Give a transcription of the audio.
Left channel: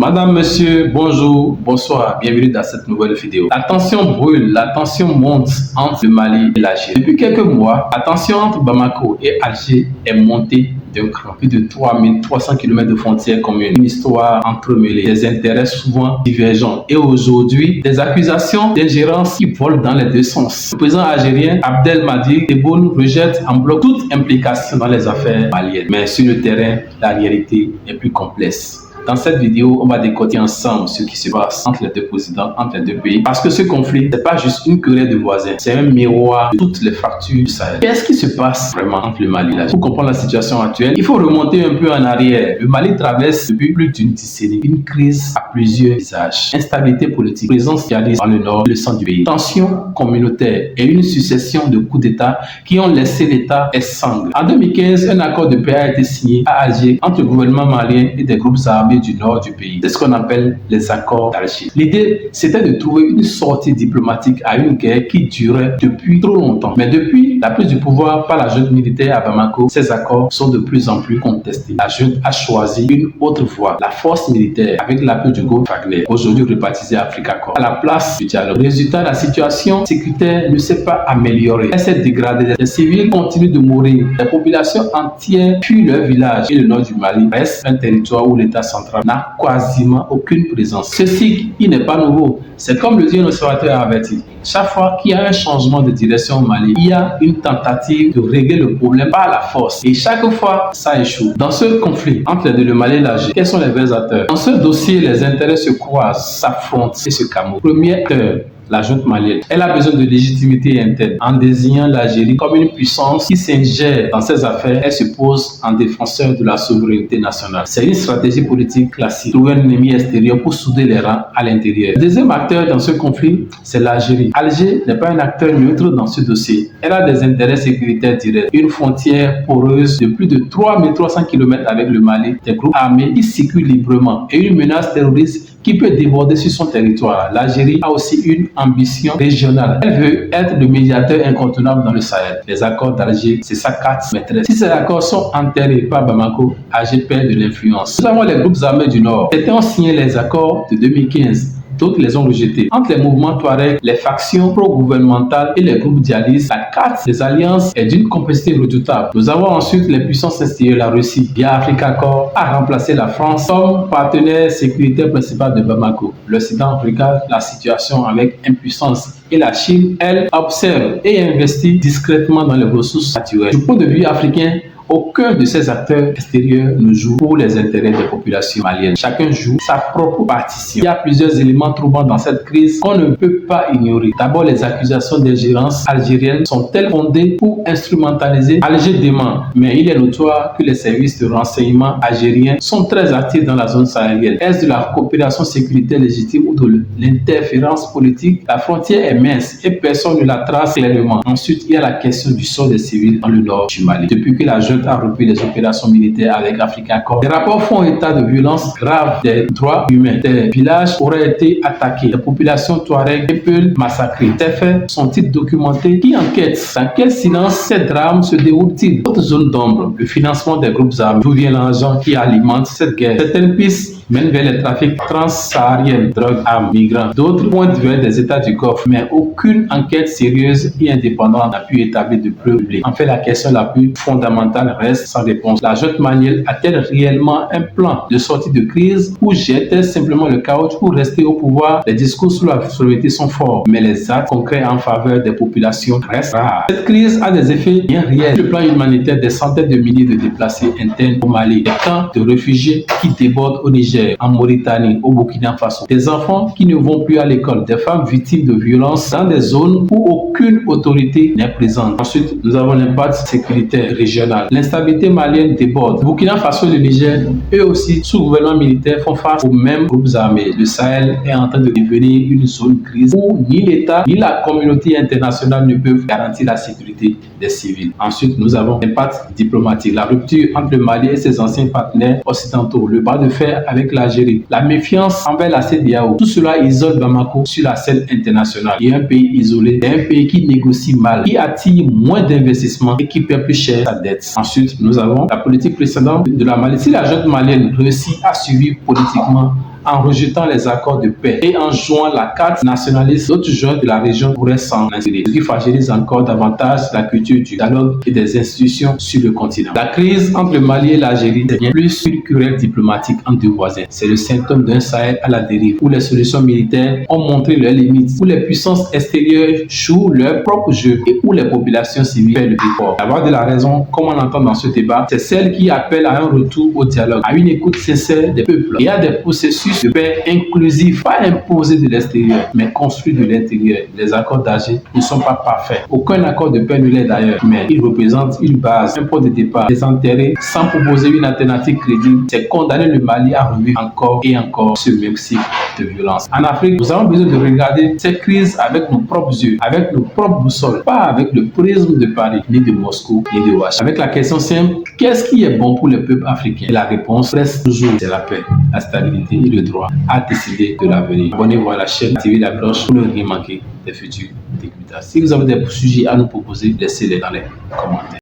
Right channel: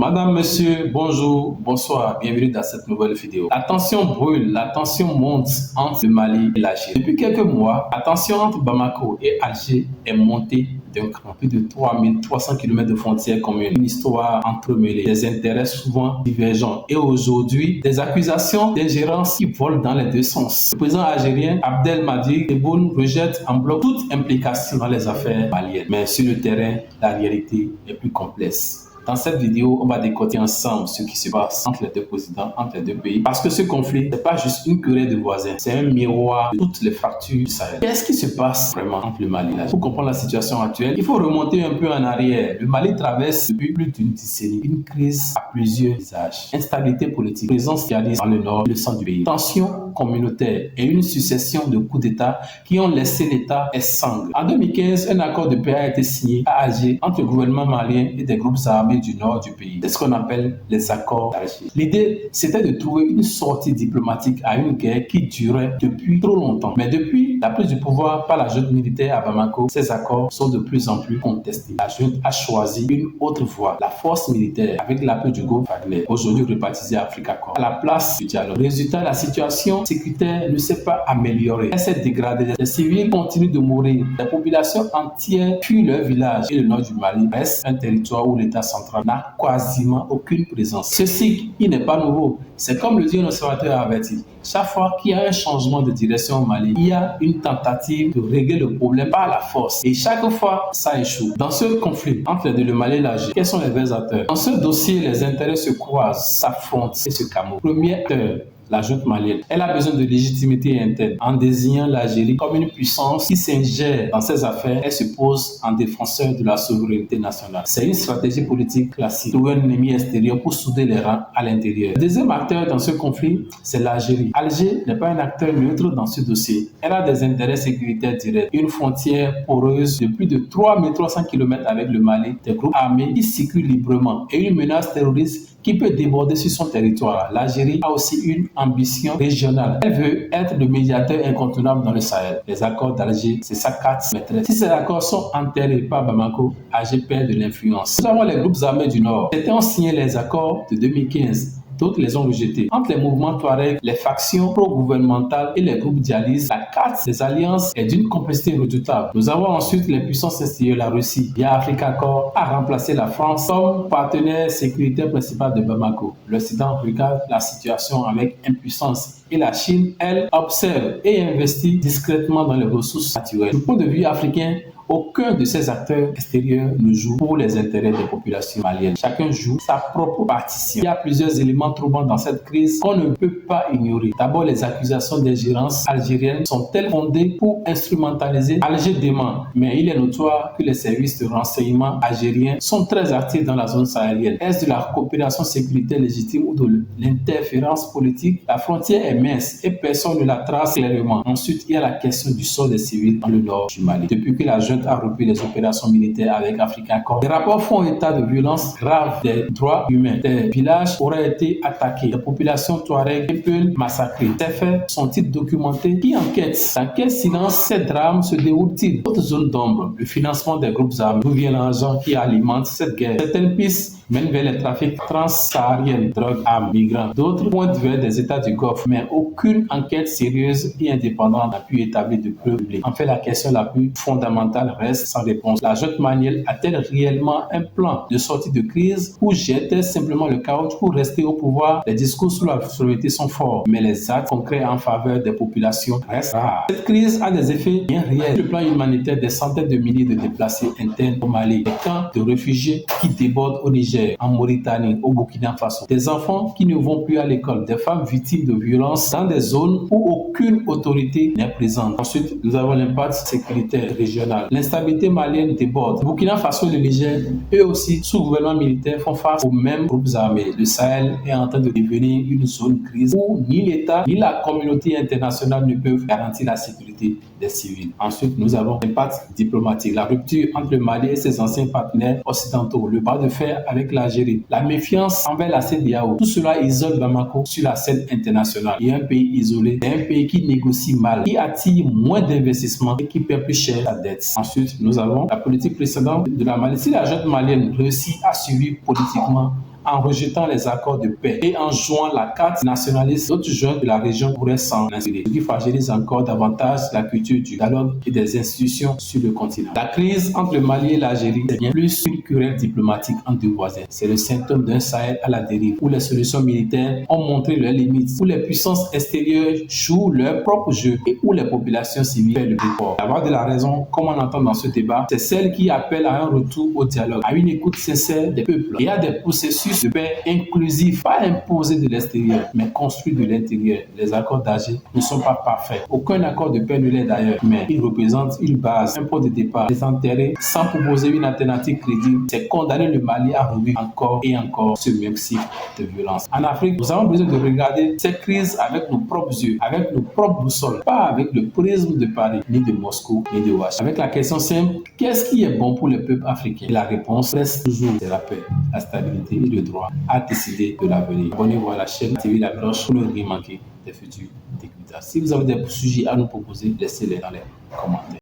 Madame, monsieur, bonjour, bonsoir, bienvenue dans cette nouvelle vidéo. La tension brûle, la tension monte entre le Mali et l'Algérie. Depuis quelques mois, la tension entre Bamako et Alger est montée d'un cran. Plus de 3300 km de frontières communes, une histoire entremêlée, des intérêts souvent divergents et aujourd'hui, des accusations d'ingérence qui volent dans les deux sens. Le président algérien Abdelmadjid Tebboune rejette en bloc toute implication dans les affaires maliennes. Mais sur le terrain, la réalité est plus complexe. Dans cette vidéo, on va décortiquer ensemble ce qui se passe entre les deux présidents, entre les deux pays. Parce que ce conflit, c'est pas juste une querelle de voisins, c'est un miroir de toutes les fractures du Sahel. Qu'est-ce qui se passe vraiment entre le Mali et l'Algérie? Pour comprendre la situation actuelle, il faut remonter un peu en arrière. Le Mali traverse depuis plus d'une décennie une crise à plusieurs visages. Instabilité politique, présence djihadiste dans le nord et le centre du pays, tensions communautaires et une succession de coups d'État qui ont laissé l'État exsangue. En 2015, un accord de paix a été signé à Alger entre le gouvernement malien et des groupes armés du nord du pays. C'est ce qu'on appelle les accords d'Alger. L'idée, c'était de trouver une sortie diplomatique à une guerre qui durait depuis trop longtemps. Mais depuis la prise du pouvoir par la junte militaire à Bamako, ces accords sont de plus en plus contestés. La junte a choisi une autre voie, la force militaire, avec l'appui du groupe Wagner, aujourd'hui rebaptisé Africa Corps, à la place du dialogue. Résultat, la situation sécuritaire ne s'est pas améliorée. Elle s'est dégradée. Les civils continuent de mourir. Les populations entières fuient leur village et le nord du Mali reste un territoire où l'État central n'a quasiment aucune présence. Ceci, il n'est pas nouveau. C'est comme le dit un observateur a averti. Chaque fois qu'il y a un changement de direction au Mali, il y a une tentative de régler le problème par la force. Et chaque fois, ça échoue. Dans ce conflit entre le Mali et l'Algérie, quels sont les vrais acteurs? Dans ce dossier, les intérêts se croisent, s'affrontent et se camouflent. Premier acteur, la junte malienne. Elle a besoin de légitimité interne. En désignant l'Algérie comme une puissance qui s'ingère dans ses affaires, elle se pose en défenseur de la souveraineté nationale. C'est une stratégie politique classique. Trouver un ennemi extérieur pour souder les rangs à l'intérieur. Le deuxième acteur dans ce conflit, c'est l'Algérie. Alger n'est pas un acteur neutre dans ce dossier. Elle a des intérêts sécuritaires directs. Une frontière poreuse de plus de 3300 km avec le Mali, des groupes armés qui circulent librement et une menace terroriste qui peut déborder sur son territoire. L'Algérie a aussi une ambition régionale. Elle veut être le médiateur incontournable dans le Sahel. Les accords d'Alger, c'est sa carte maîtresse. Si ces accords sont enterrés par Bamako, Alger perd de l'influence. Nous avons les groupes armés du Nord. Certains ont signé les accords de 2015. D'autres les ont rejetés. Entre les mouvements Touareg, les factions pro-gouvernementales et les groupes djihadistes, la carte des alliances est d'une complexité redoutable. Nous avons ensuite les puissances extérieures. La Russie, via Africa Corps, a remplacé la France comme partenaire sécuritaire principal de Bamako. L'Occident regarde la situation avec impuissance et la Chine, elle, observe et investit discrètement dans les ressources naturelles. Du point de vue africain, aucun de ces acteurs extérieurs ne joue pour les intérêts des populations maliennes. Chacun joue sa propre partition. Il y a plusieurs éléments troubants dans cette crise qu'on ne peut pas ignorer. D'abord, les accusations d'ingérence algérienne sont-elles fondées pour instrumentaliser Alger dément? Mais il est notoire que les services de renseignement algériens sont très actifs dans la zone sahélienne. Est-ce de la coopération sécuritaire légitime ou de l'interférence politique? La frontière est mince et personne ne la trace clairement. Ensuite, il y a la question du sort des civils dans le nord du Mali. Depuis que la junte a repris les opérations militaires avec Africa Corps, les rapports font état de violences graves des droits humains. Des villages auraient été attaqués, les populations Touareg et Peul massacrées. Ces faits sont-ils documentés? Qui enquête? Dans quel silence ces drames se déroulent-ils? Autre zone d'ombre, le financement des groupes armés. D'où vient l'argent qui alimente cette guerre? Certaines pistes mènent vers les trafics transsahariens, drogue, armes, migrants. D'autres pointent vers des États du Golfe, mais aucune enquête sérieuse et indépendante n'a pu établir de preuves publiques. En fait, la question la plus fondamentale reste sans réponse. La junte malienne a-t-elle réellement un plan de sortie de crise ou jette-t-elle simplement le chaos pour rester au pouvoir? Les discours sur la souveraineté sont forts, mais les actes concrets en faveur des populations restent rares. Cette crise a des effets bien réels. Sur le plan humanitaire, des centaines de milliers de déplacés internes au Mali, des camps de réfugiés qui débordent au Niger, en Mauritanie, au Burkina Faso, des enfants qui ne vont plus à l'école, des femmes victimes de violences dans des zones où aucune autorité n'est présente. Ensuite, nous avons l'impact sécuritaire régional. L'instabilité malienne déborde. Burkina Faso et le Niger, eux aussi, sous gouvernement militaire, font face aux mêmes groupes armés. Le Sahel est en train de devenir une zone grise où ni l'État ni la communauté internationale ne peuvent garantir la sécurité des civils. Ensuite, nous avons l'impact diplomatique. La rupture entre le Mali et ses anciens partenaires occidentaux, le bras de fer avec l'Algérie, la méfiance envers la CEDEAO. Tout cela isole Bamako sur la scène internationale. Il y a un pays isolé, un pays qui négocie mal, qui attire moins d'investissements et qui paie plus cher sa dette. Ensuite, nous avons la politique précédente de la Mali. Si la junte malienne réussit à suivre politiquement en rejetant les accords de paix et en jouant la carte nationaliste, d'autres joueurs de la région pourraient s'en inspirer, ce qui fragilise encore davantage la culture du dialogue et des institutions sur le continent. La crise entre le Mali et l'Algérie est bien plus qu'une querelle diplomatique entre deux voisins. C'est le symptôme d'un Sahel à la dérive, où les solutions militaires ont montré leurs limites, où les puissances extérieures jouent leur propre jeu et où les populations civiles paient le décor. La voix de la raison, comme on l'entend dans ce débat, c'est celle qui appelle à un retour au dialogue, à une écoute sincère des peuples et à des processus de paix inclusifs, pas imposés de l'extérieur, mais construits de l'intérieur. Les accords d'Alger ne sont pas parfaits. Aucun accord de paix ne l'est d'ailleurs, mais ils représentent une base, un point de départ. Les enterrer sans proposer une alternative crédible, c'est condamner le Mali à revivre encore et encore ce même cycle de violence. En Afrique, nous avons besoin de regarder ces crises avec nos propres yeux, avec nos propres boussoles, pas avec le prisme de Paris, ni de Moscou, ni de Washington. Avec la question simple, qu'est-ce qui est bon pour le peuple africain? Et la réponse reste toujours, c'est la paix, la stabilité et le droit à décider de l'avenir. Abonnez-vous à la chaîne, activez la cloche pour ne rien manquer des futurs décryptages. Si vous avez des sujets à nous proposer, laissez-les dans les commentaires.